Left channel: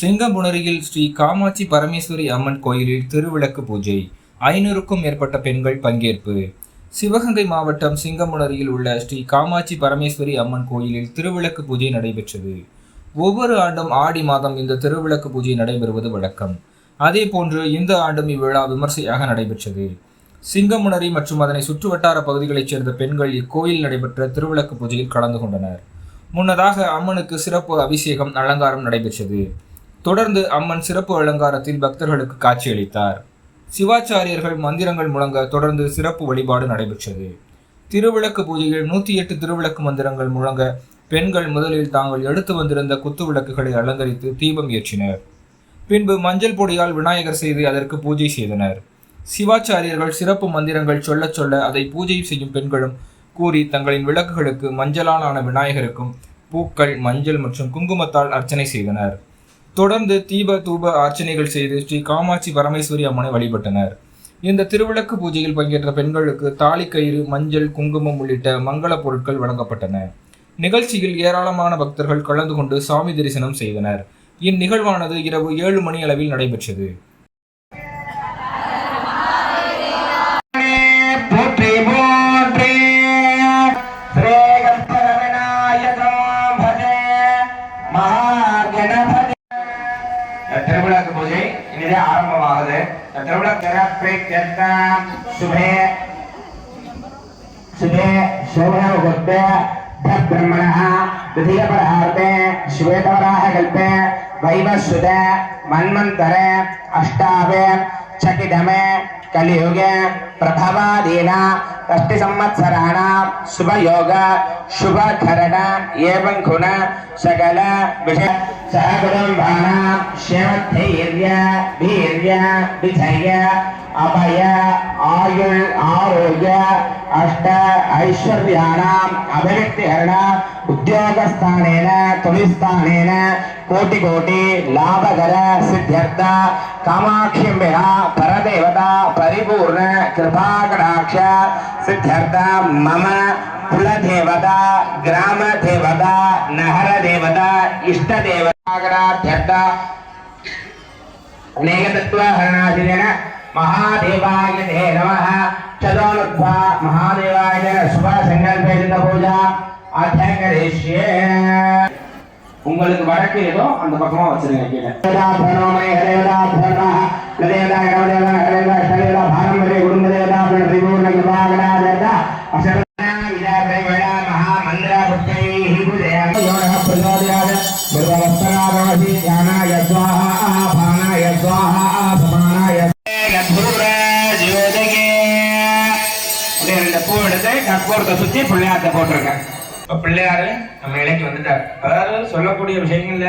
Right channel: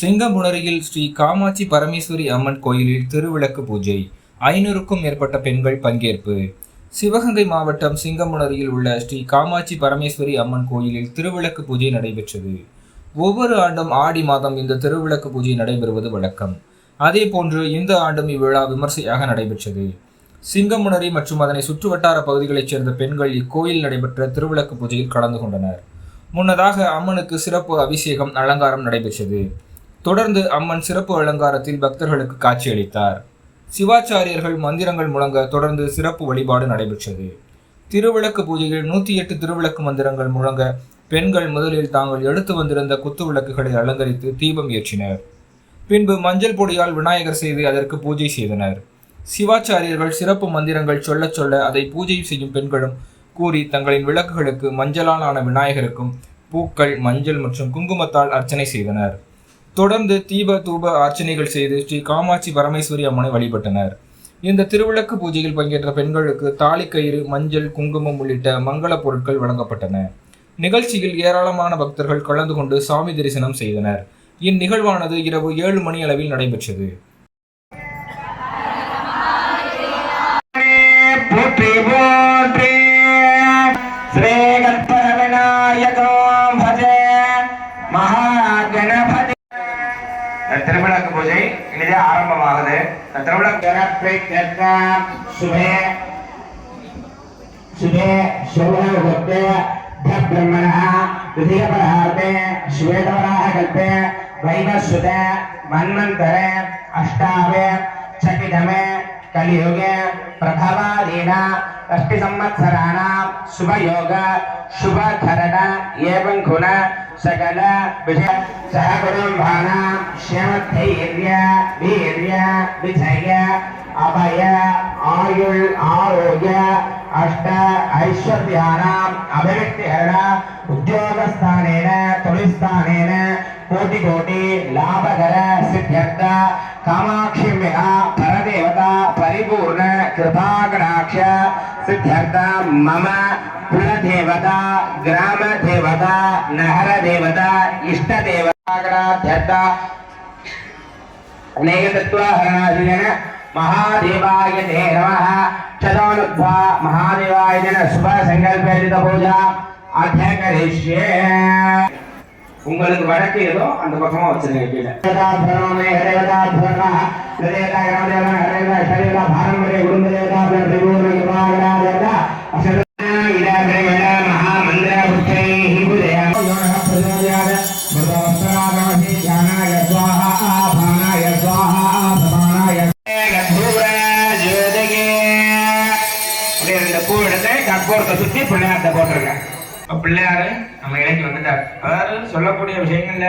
சிங்கம்புணரியில் ஸ்ரீ காமாட்சி பரமேஸ்வரி அம்மன் கோயிலில் திருவிளக்கு பூஜை. ஐநூறுக்கும் மேற்பட்ட பெண்கள் பங்கேற்பு. சிவகங்கை மாவட்டம் சிங்கம்புணரியில் உள்ள ஸ்ரீ காமாட்சி பரமேஸ்வரி அம்மன் கோயிலில் திருவிளக்கு பூஜை நடைபெற்றது. ஒவ்வொரு ஆண்டும் ஆடி மாதம் இந்த திருவிளக்கு பூஜை நடைபெறுவது வழக்கம். அதே போன்று இந்த ஆண்டும் இவ்விழா விமர்சையாக நடைபெற்றது. சிங்கமுனரி மற்றும் அதனை சுற்றுவட்டார பகுதிகளைச் சேர்ந்த பெண்கள் இக்கோயில் நடைபெற்ற திருவிளக்கு பூஜையில் கலந்து கொண்டனர். முன்னதாக அம்மனுக்கு சிறப்பு அபிஷேகம் அலங்காரம் நடைபெற்றது. தொடர்ந்து அம்மன் சிறப்பு அலங்காரத்தில் பக்தர்களுக்கு காட்சியளித்தார். சிவாச்சாரியர்கள் மந்திரங்கள் முழங்க தொடர்ந்து சிறப்பு வழிபாடு நடைபெற்றது. திருவிளக்கு பூஜையில் நூற்றி எட்டு திருவிளக்கு மந்திரங்கள் முழங்க பெண்கள் முதலில் தாங்கள் எடுத்து வந்திருந்த குத்து விளக்குகளை அலங்கரித்து தீபம் ஏற்றினர். பின்பு மஞ்சள் பொடியால் விநாயகர் செய்து அதற்கு பூஜை செய்தனர். சிவாச்சாரியர்கள் சிறப்பு மந்திரங்கள் சொல்லச் சொல்ல அதை பூஜை செய்யும் பெண்களும் கூறி தங்களின் விளக்குகளுக்கு மஞ்சளால் ஆன விநாயகருக்கும் பூக்கள் மஞ்சள் மற்றும் குங்குமத்தால் அர்ச்சனை செய்தனர். தொடர்ந்து தீப தூப அர்ச்சனைகள் செய்து ஸ்ரீ காமாட்சி பரமேஸ்வரி அம்மனை வழிபட்டனர். இந்த திருவிளக்கு பூஜையில் பங்கேற்ற பெண்களுக்கு தாலிக்கயிறு மஞ்சள் குங்குமம் உள்ளிட்ட மங்கள பொருட்கள் வழங்கப்பட்டன. நிகழ்ச்சியில் ஏராளமான பக்தர்கள் கலந்து கொண்டு சாமி தரிசனம் செய்தனர். இந்நிகழ்வானது இரவு ஏழு மணி அளவில் நடைபெற்றது. போற்றி போற்றி திருவிளக்கு பூஜை இனிதே ஆரம்பமாகுது இந்த திருவிளக்கு திறப்பை கேட்க சுபே சுபே சோழகுப்த பிரம்மண द्वितीयपरार्थे श्वेतवराहकल्पे वैवस्वत मन्वन्तरे अष्टावे चकितमे कलियुगे प्रभवादीना षष्टिसंवत्सराणां शुभयोग शुभकरण एवं गुण सकल विषय सहकुटुम्बानां ஷமத்தைர்யா வீர்யா விஜய அபய ஆயுள் ஆரோக்கிய அஷ்ட ஐஸ்வர்யானாம் அபிவிருத்திகரணா உத்தியோகஸ்தானேன தொழில்ஸ்தானேன కోటి కోటి లాభకర సిద్ధ్యర్థ కామాక్షిమ్య పరదేవత పరిపూర్ణ కృపాకటాక్ష సిద్ధ్యర్థ మమ కులదేవత గ్రామదేవత నహరదేవత ఇష్టదేవత अनेकतत्त्वहरणादिजन महादेवाय ते नमः चतोनुद्वा महादेवाय जन शुभ संकल्पित पूजा அத்தியகரிஷ்யே உங்களுக்கு வடக்கு ஏதோ அந்த பக்கமா வச்சிருங்க கீழே தேவதாபரணமே தேவதாபரண அப்படியே அந்த பூ எடுத்து கற்பூரத்தை சுத்தி பிள்ளையார்கிட்ட போட்டிருக்கேன். இப்ப பிள்ளையாரு நம்ம இலைக்கு வந்துட்டார். அதாவது சொல்லக்கூடிய விஷயங்கள்ல